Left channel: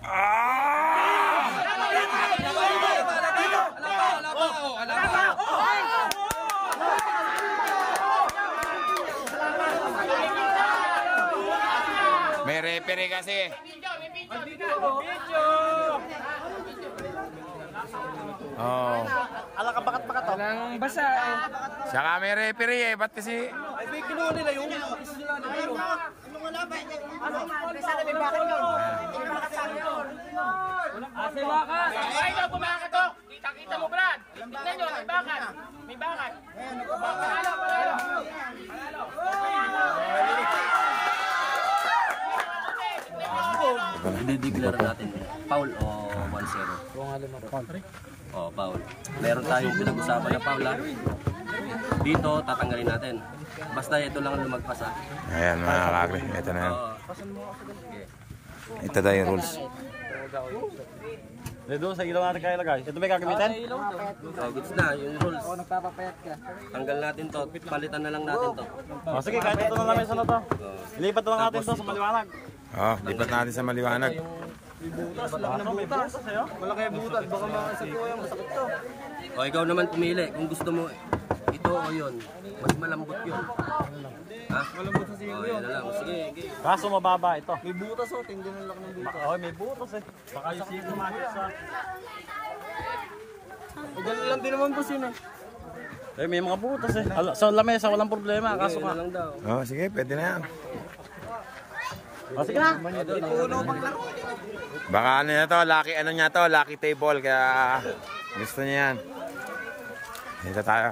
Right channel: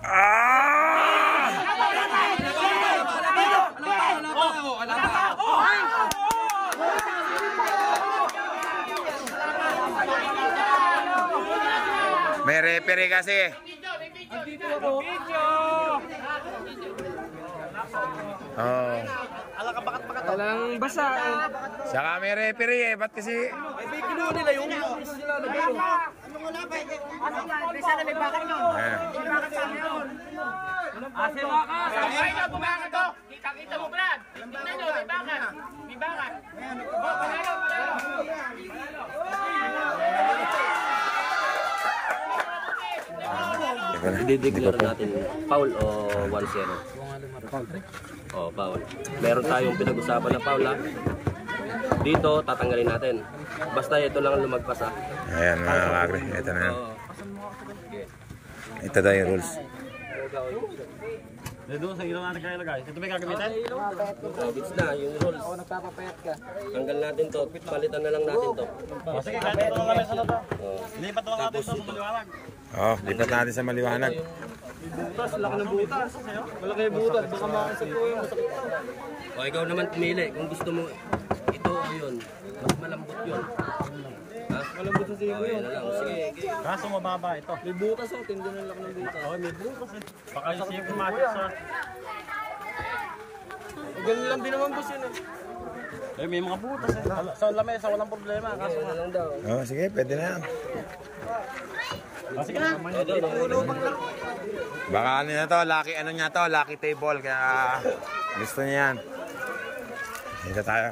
Ah! May referee kasi. Oh. Walang basa eh. Saka may referee eh. Ba't kasi? Kinuha nila yung sana may bakit yun. May bakit sa yun. Asa wakas. Ay na, bumakit to. Kita mo, Brad. Tingnan nyo, may bakit. May bakit. Didiklar natin foul o 1-0. Oh, foul. Meron tayong pinag-usapan na foul ha. Dito tatanggalin natin. Basta ito lang ang lumagpas ha. Ayan mga kakri, ito na yan. Ito daw yung rules. Doon sa ilaw natin kaya lagay. Ito may gagamitin? Oh, goods na, yung rules. Oo, nagpapapayat ka. Tanggal natin to, palitan na lang natin to. Oh, sige, kahit ito na lang yung sunod to. Lipat na lang natin to sa maliwanag. Oh, lipat natin sa maliwanag. Butas, laki ng butas. Wala kayo butas, baka makasag ko yan. O, ikaw naman pumili. Kung gusto mo, ito o yun. Mas malambot yun. Ha? Malambot sa sigo yun. Lang. Sige. Kaso mababa ito. May butas o, tindi na lang ng butas. Oh, may butas eh. Baka yung sigo matik sa... Ganun lang din naman boss yun eh. Eh, may mga butas eh. Sa lamesa, walang problema. Kaso ka. Oh, sige, pwede na yan. Oh, sige na. Puno pang laro. Baka ano niya to, lucky, ano niya to, lucky table, kaya gusto niya yan. Dito tayo.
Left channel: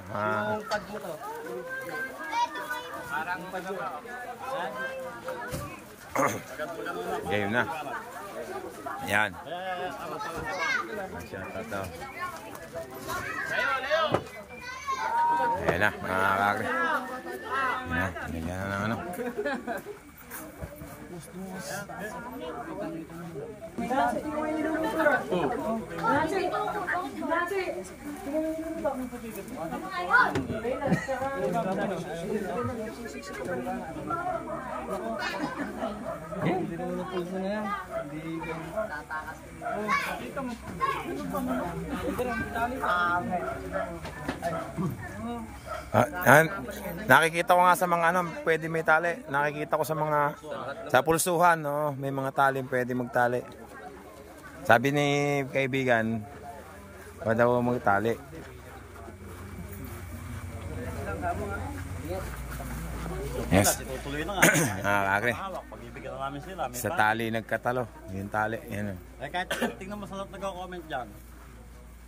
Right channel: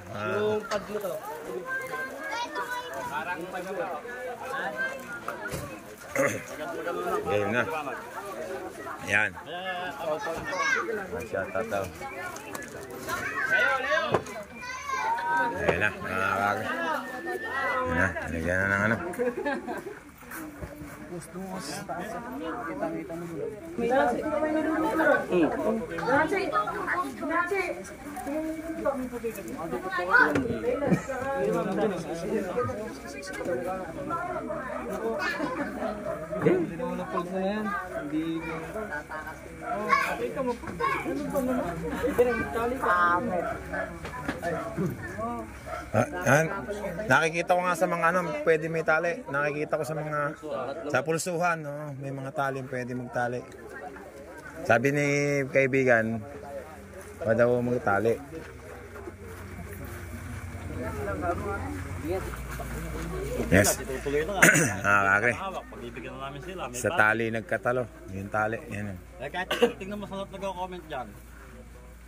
Game na. Ayan. Shout out daw. Ayan na, mga kakri. Ayan na, nilagyan na ng ano. Nakikita ko nga sa mga ano, pwede may tali. Nakikita ko sa mga sa pulsuhan, no, may mga tali pwede magtali. Sabi ni kaibigan, pa daw magtali. Yes. Kakri. Sa tali nagkatalo. Yung tali, yan. Eh, kahit tingnan mo sa lahat nagko-comment dyan.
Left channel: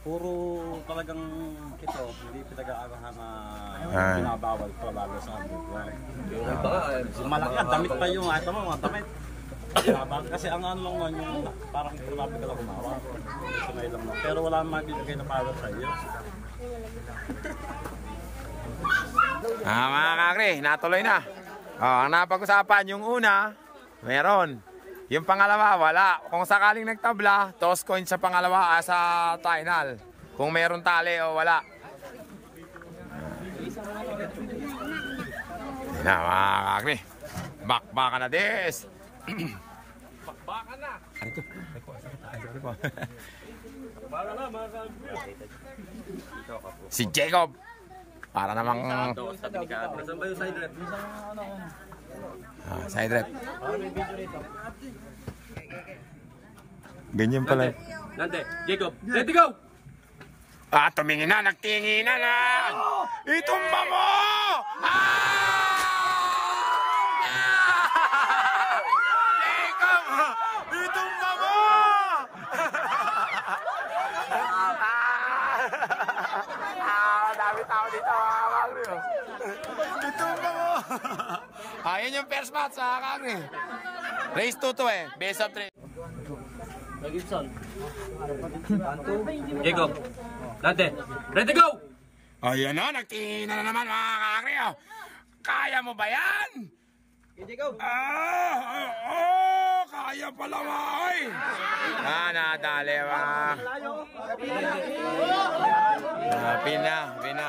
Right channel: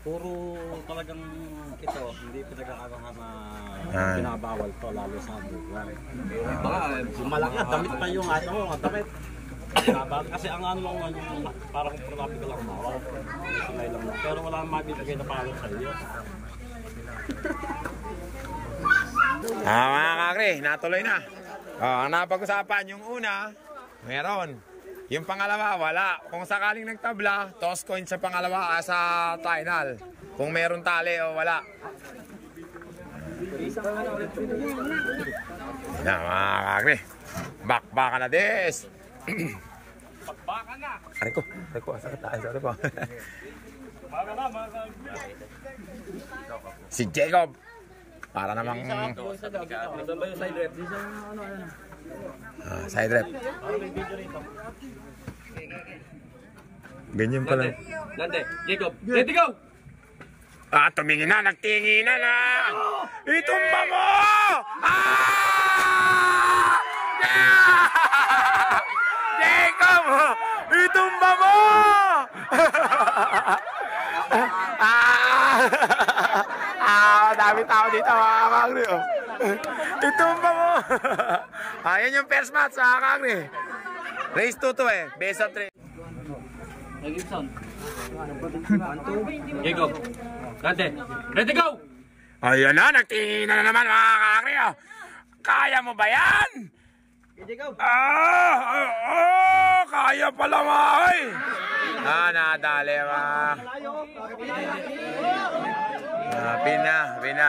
Puro talagang ito, hindi pinag-aarahan na binabawal to, lalo sa amin. Malaki na, damit pa yung ato mo, mga damit. Kasi ang ano lang nun, yung parang tulabi ka lang umawa. Sunay lang. Pero wala nang mabibigay na power sa iyo. Mga kakri, natuloy na. Ang napag-usapan, yung una, meron. Yung pangalawa, wala. Kung sakaling nagtabla, toss coin sa pangalawa sa final. Kung meron tali o wala. Yan na, mga kakri. Bakbaka na des. Bakbaka na. Aray ko, asa ka tayo. Sorry po. Baka na, baka. Si Jacob. Para namang... Saan ba yung side rep? Side rep. Ganyan pala. Lante, Jacob, ready go! Tumingin na, nagtingin na lang! Itumba mo! Jacob! Itumba mo! Dami tao dito, mga kakri. Itumba mo! Ayan yung first match, mga kakri. Race 2 to eh. Best of 3. Gibson. Jacob. Dante. Ready go! Ayan na, nagtingin na naman mga kakri. Kaya mo ba yan? Kaya pala mga nadali ba? Pina mga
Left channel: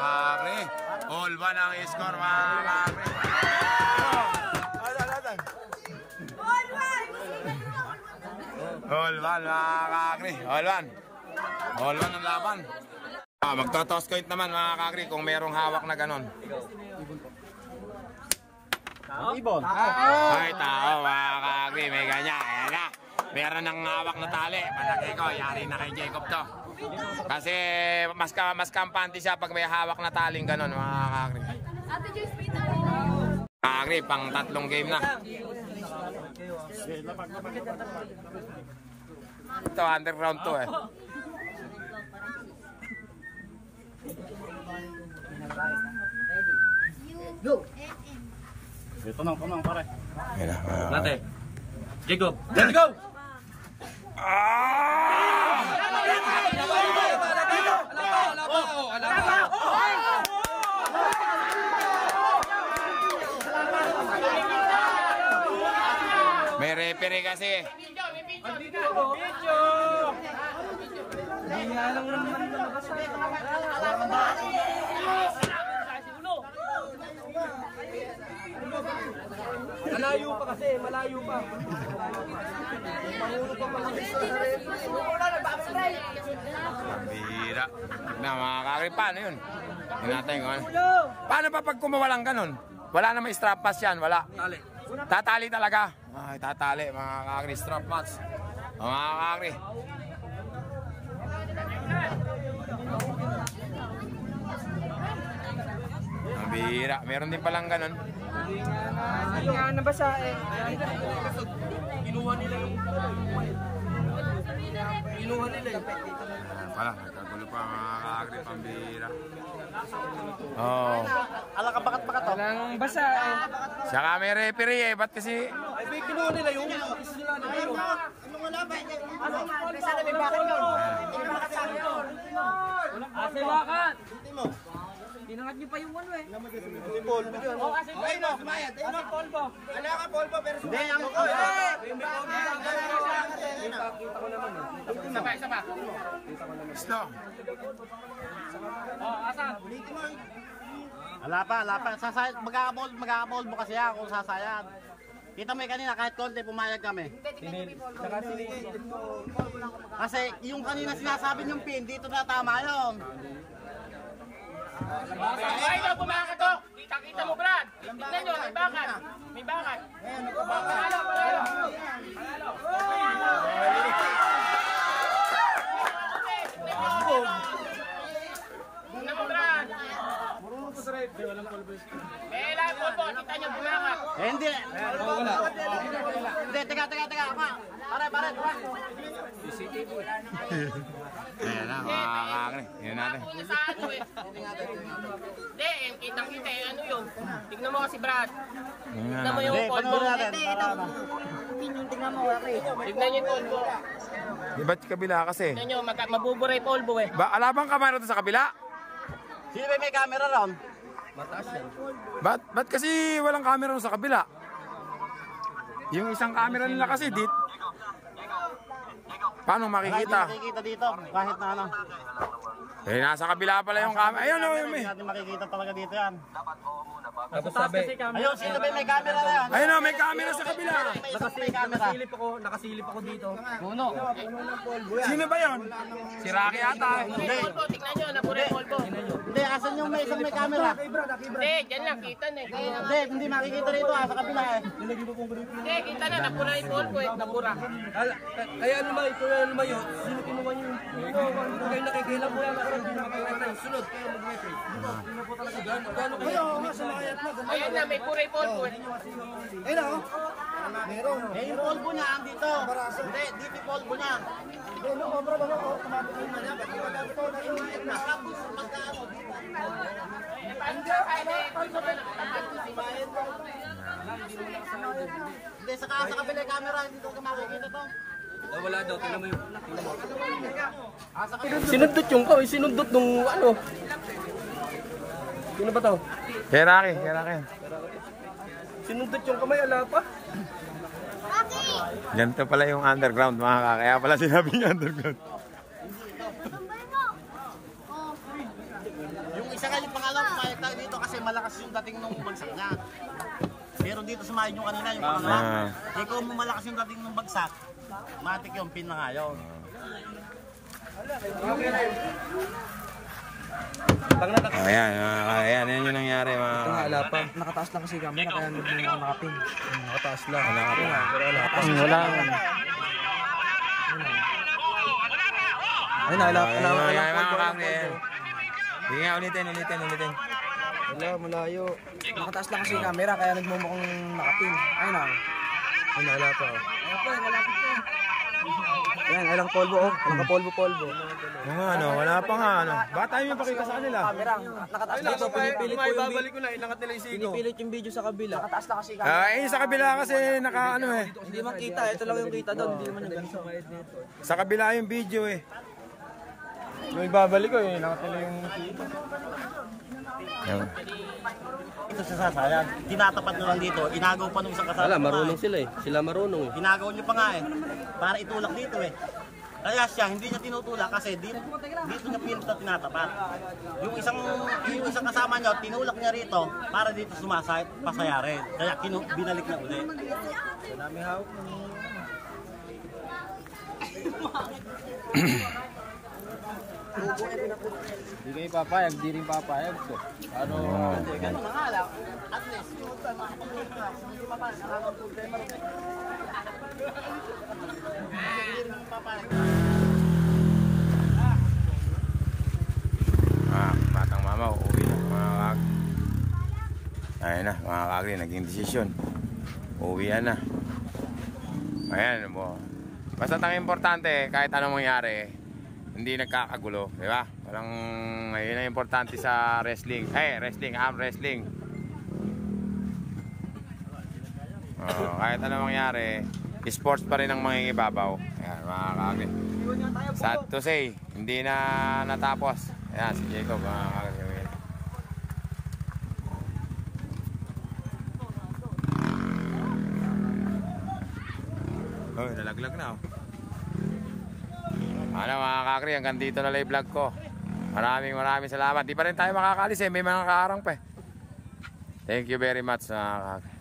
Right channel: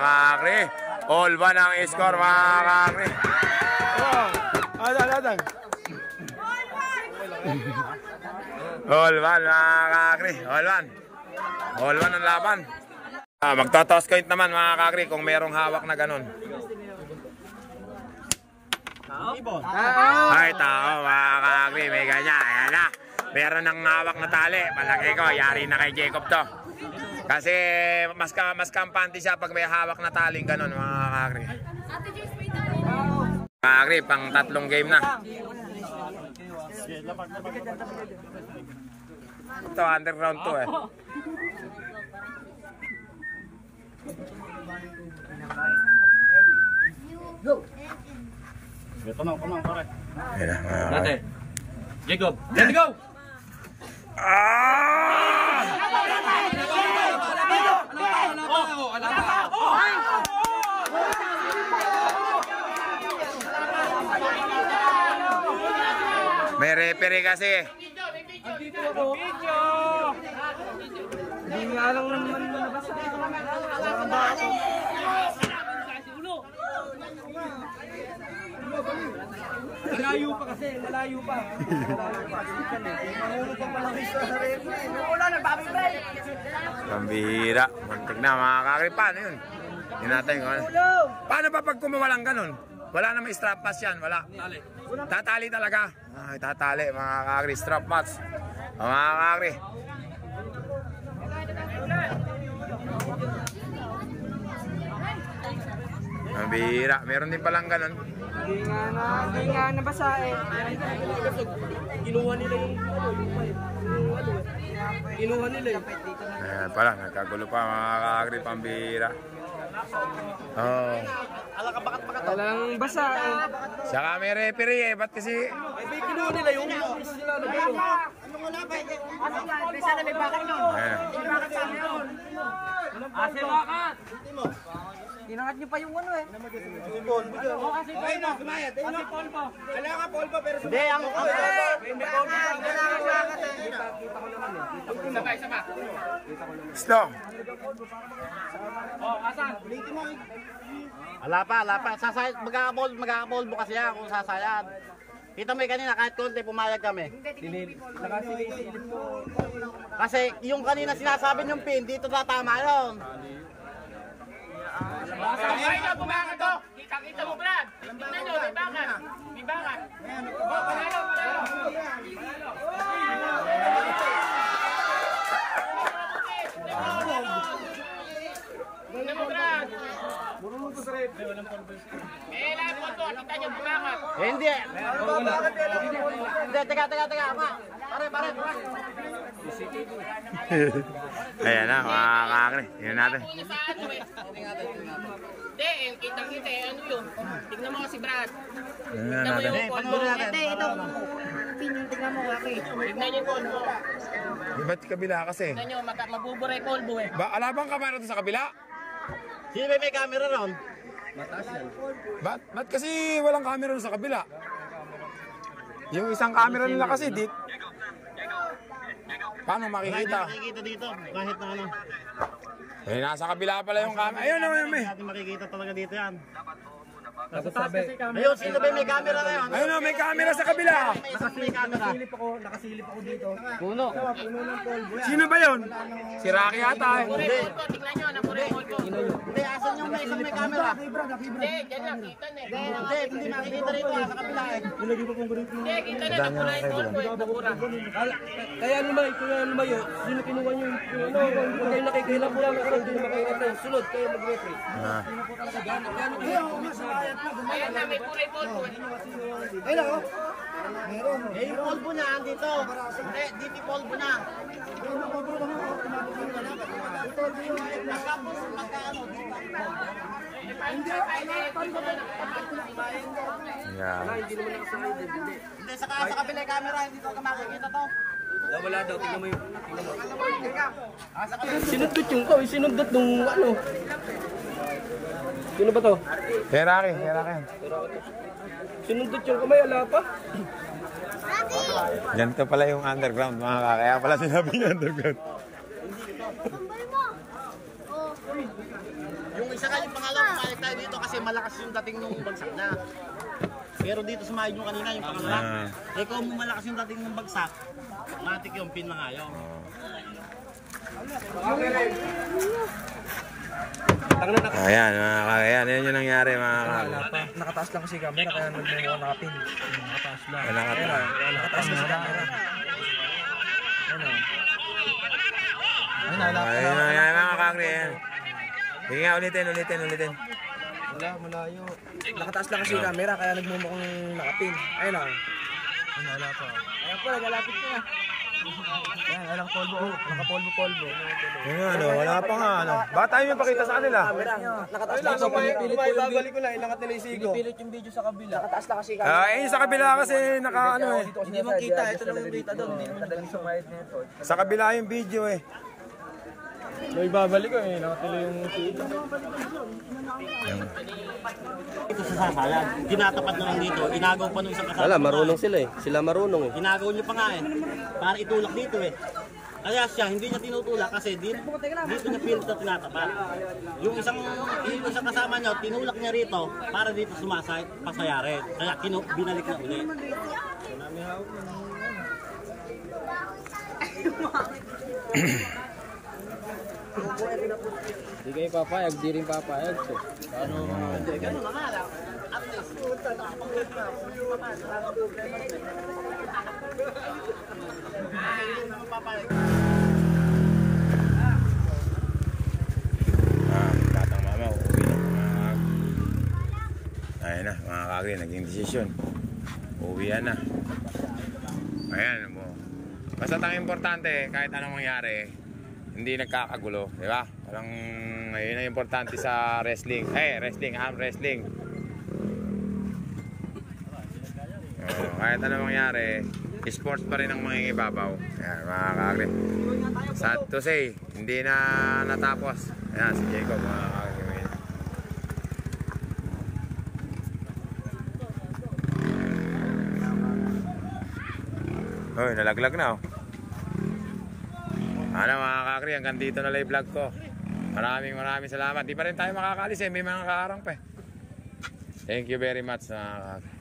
kakri. All ba ng score mga kakri? All one mga kakri. All one. All one ang laban. Magto-toss coin naman mga kakri kung merong hawak na ganon. Ay, tao mga kakri. May ganyan. Ayan na. Meron ng hawak na tali. Palagay ko, yari na kay Jacob to. Kasi mas kampante siya pag may hawak na taling ganon mga kakri. Kakri, pang 3 game na. Ito, underground to eh. Punong, pare. Ayan na. Okay. Jacob, let's go! May referee kasi. Hindi nga lang naman nabasa. Malayo pa kasi, malayo pa. Mangulo pa pala sa referee. Wala na, babi break. Pambira. Muntik na mga kakri. Paano yun? Hindi natin kung ano. Paano pa pag kumawalang ganun? Wala namang strap pass yan. Wala. Tatali talaga. Ay, tatali mga kakri. Strap pass. Mga kakri. Pambira. Meron din palang ganun. Hindi nga nabasa eh. Kinuha nila yung Ayan pala, nagkagulo pa mga kakri. Pambira. Oh. walang basa eh. Saka may referee eh. Ba't kasi... Kinuha nila yung sila na dito. Sana may bakit doon. May bakit sa amin doon. Ase bakit? Inangat niyo pa yung ano eh. Oh, ase polvo. Ase polvo. Kailangan polvo pero... Hindi, ang... May polvo pa. Kailangan bakit eh. Kita ko naman eh. Sama. Stop. Oh, asan? Wala pa. Magkakapolvo kasi yan kung sasayad. Kita mo kanina kahit konti pumayag kami. Kasi yung kanina sinasabi niyong pin, dito tatama yun. Ay, na, bumakit to. Kita mo, Brad. Tingnan nyo, may bakit. May bakit. Hindi. Hindi, teka. Pare. Ayan na mga kakri. Tingnan natin. Hindi, kita ano yun. Tignan mo kasi, Brad. Tingnan natin. Panoorin natin. Tignan mo, okay. Tignan nyo yun. Ba't kabila kasi? Tignan nyo, mabuburay polvo eh. Alabang kamera doon sa kabila? Sino may camera ron? Ba't kasi walang camera doon sa kabila? Yung isang camera nila kasi dit. Paano makikita? Makikita dito, kahit na ano. Eh, nasa kabila pala yung camera. Ayun o, Hindi natin makikita talaga dito yan. Ayun, sino ba may camera na yun? ayun o, may camera sa kabila. May camera. Nakasilip ako dito. Puno. Sino ba yun? Si Rocky ata. Naburay polvo, tignan nyo, naburay polvo. Hindi, asan yung may isang may camera? Hindi, dyan lang, kita na eh. Hindi makikita rito sa kabila eh. Hindi, kita na, naburay polvo eh, nabura. Kaya naman, lumayo, sino kinuha yung kayo nakikilap mo naman, hindi naman kayo ito. Sunod, kayo mag-referee. Gano'n kayo? Ayan na, may buray polvo eh. Eh, yung polvo na, andito. Hindi, dito polvo na. Hindi, sa kabila yung camera, hindi talaga makikita to. Wala daw, tingnan mo yung... Sa kabila. Sinundot yung ko, sinundot nung ano. Sino ba to? Si Rocky. Sinundot yung kamay, wala pa. Ganito pala yung underground mga kakri. Kaya pala sinabi niya underground. Yung isa ka yung pangalawa, pumayag tayo dito kasi malakas yung dating nung bagsak na. Pero dito sumayon yung kanina, yung pangalawa. Eh kung malakas yung dating ng bagsak, matik yung pin na nga yun. Ayan, ayan yung nangyari mga kakri. Nakataas lang kasi camera kaya nagmumukha nakapin. Nakataas lang. Nakataas lang. Ayun yung nangyari mga kakri. Sige nga, ulitin. Malayo. Nakataas lang kasi camera kaya nagmumukhang nakapin. Ayun o. Ano, wala pa. Ayun po, nagalapit ko. Ayan, walang polvo. Nakapolvo. Wala pa nga. Baka tayo yung pakita sa kanila. Nakataas lang kasi pinipilit ko babalik ko lang, ilangat nila yung sigo. Pinipilit yung video sa kabila. Nakataas lang kasi camera. Yung sa kabila kasi Hindi man kita, ito lang yung kita doon. Hindi man sumayad nito. Sa kabila yung video May babalik ko, ilangat nila yung sigo. Ito sa sasayan, tinatapat na lang dito, inagaw pa nung isang kasama. Wala, marunong sila eh. Sila marunong eh. Inagaw niyo pa nga para itulak dito Kaya siya, hindi niya tinutulak kasi dito na field na tinatapat. Yung isang kasama niyo, tinulak niya rito para dito sumasayat, pasaya rin. Kaya binalik na ulit. Hindi kayo papayag, di rin papayag. So, batang mama, uuwi na mga kakri. Ayan na mga kakri, naging desisyon. Uuwihan na. Ayan mo. Basta ang importante, kahit anong mangyari, hindi nagkakagulo, di ba? Walang, yun ang importante sa wrestling. Arm wrestling. Kahit anong mangyari, sports pa rin ang mangingibabaw. Ayan, mga kakri. Sad to say, hindi na natapos. Ayan, si Jacob, mga kakri. Uy, nalaglag na Ano mga kakri, hanggang dito na live vlog ko. Maraming salamat. Di pa rin tayo makakalis may mga kaarang pa Thank you very much mga kakri.